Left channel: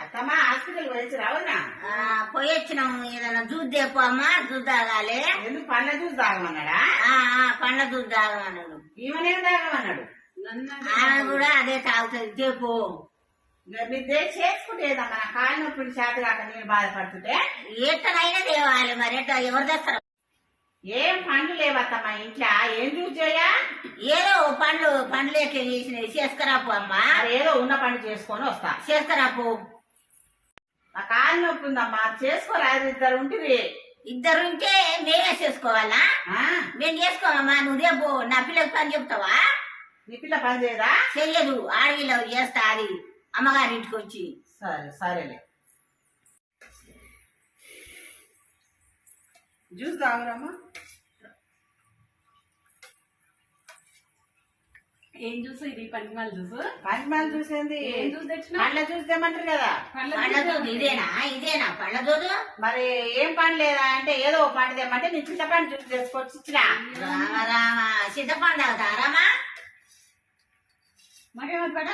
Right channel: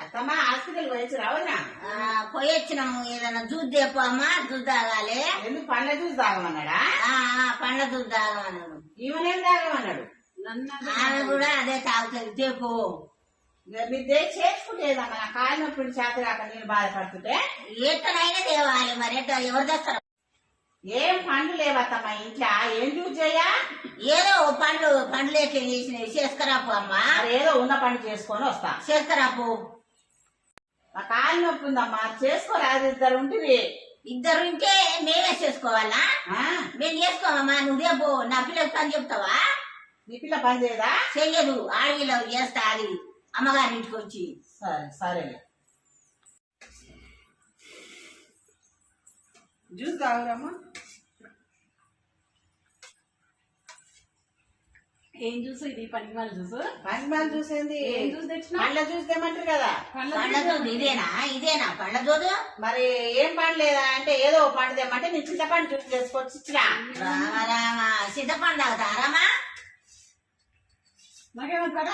అత్తమ్మ హాస్పిటల్ పోయి రావునా? ఆ, పోయి వచ్చినాము ఏదైనా తెప్పు అమ్మా జ్యూస్ తాగాలి. ఎందుకు పండ్ల జ్యూస్ తాగమన్నాడా? పండ్ల జ్యూస్ తాగమన్నాడు. ఈమెనేం తాగమన్నాడు? ఆమె కూడా అదే తాగుతుంది. చెప్పు. చేసుకుంటేదమ్మా నా కాలు నొప్పి చేత కాక నేను బాధపడుతుంటే? ఎట్టనైనా తేవాలి మరి. ఎట్ట ఎవరు తెస్తారు? ఏం పండ్లు లేవత్తమ్మ ఇంట్లో? ఏం జ్యూస్ చేయా? ఏదో పండ్లు పండ్లు ఎట్లా చేసినవి. చేసుకురాపు అమ్మా. ఏదో ఉన్న పండు చేసుకొని వస్తా. చేసుకురాపు. కాలు నొప్పి ఉందమ్మా చేసుకోరాదు ఇద్దరు ఉంటుంది ఇద్దరు ఉంటే మేమే చేసుకోవాలా? మేము చేసుకోమమ్మా నువ్వు రేపు నా పిల్లకి పని చెప్తావా? నీ పిల్ల పని చేయదా? చెయ్యదు ఆడవిలో చేస్తా అది. అమ్మగారి ఇంటికి వచ్చి. సరే సరేలే. జ్యూస్ తాగురమ్మా. ఏం జ్యూస్ ఇది? పంచమాల జ్యూస్? పంచమాల జ్యూస్ ఏంది? ఏం జ్యూస్ తెచ్చినా? పండ్ల జ్యూస్ తెమ్మంటారు కదా. పండ్ల దూదు ఇదేనా? ఇదేనా? పండ్ల దూదు మరి ఏం పండు లేదా? అంటే ఏదో ఒక పండు తెమ్మంటే నేను చింతపండు జ్యూస్ చేసుకొచ్చి ఇచ్చినా రామ రామ. చింతపండు నాకేమవుతుంది